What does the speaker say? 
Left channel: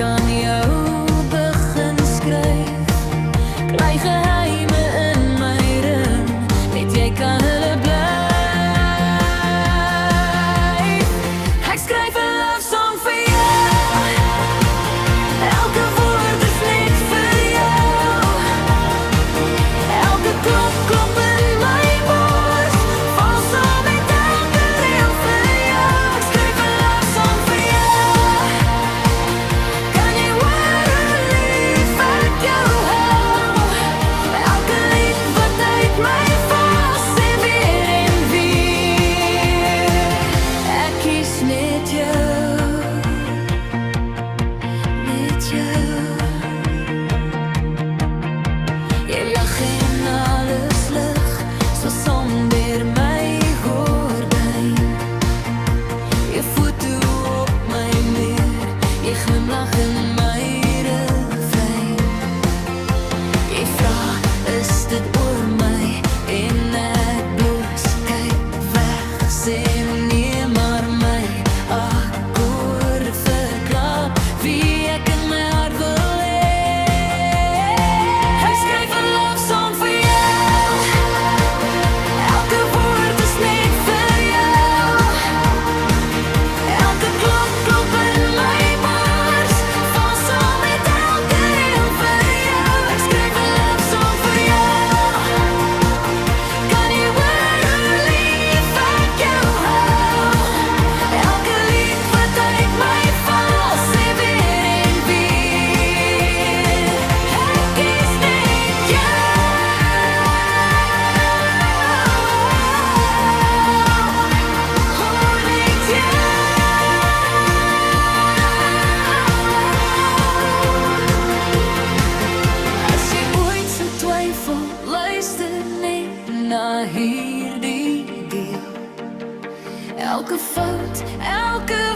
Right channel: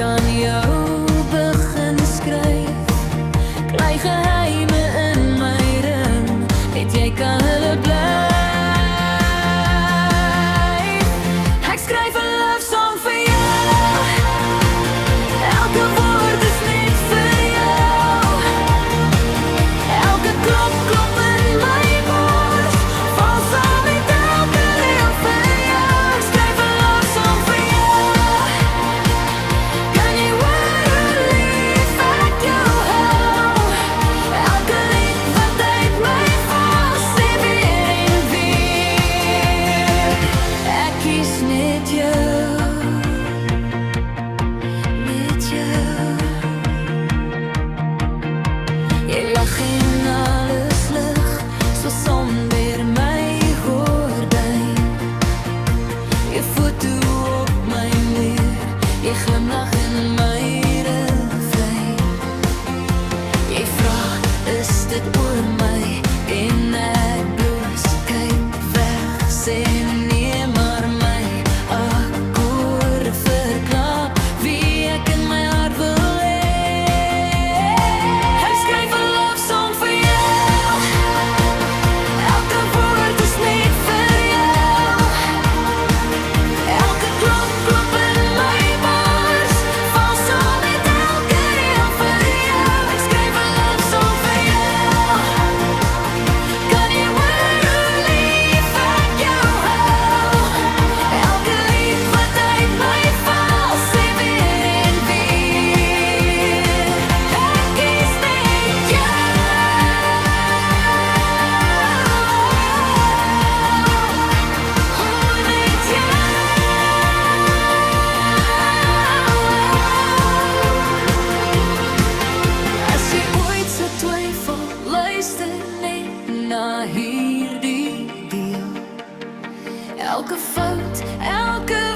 aan jou begin skryf. Kry geheime in my ring, net jy kan hulle blyf. Ek skryf 'n love song vir jou. Elke woord is net vir jou. Elke klop klop in my bors, val saam met elke reël vir jou. Ek skryf 'n love song vir jou. Kan jy hoor hoe lief ek jou hou? Elke lied wat uit my val, sê weer en weer, ek kies net jou, net jou. Jy lag en alles lig, so som deur my gordyn. Jy foto op my muur, jy glimlag in my refrein. Jy vra, is dit oor my? En ek bloos, kyk weg, sê nee, maar my akkoorde verklaar wie ek in my hart wil hê. Ek skryf 'n love song vir jou. Elke woord is net vir jou. Elke klop klop in my bors, val saam met elke reël vir jou. Ek skryf 'n love song vir jou. Kan jy hoor hoe lief ek jou hou? Elke lied wat uit my val, sê weer en weer, ek kies net jou. Oh, net jou. As jy ooit sou twyfel, luister net na hierdie deel. Elke fout, elke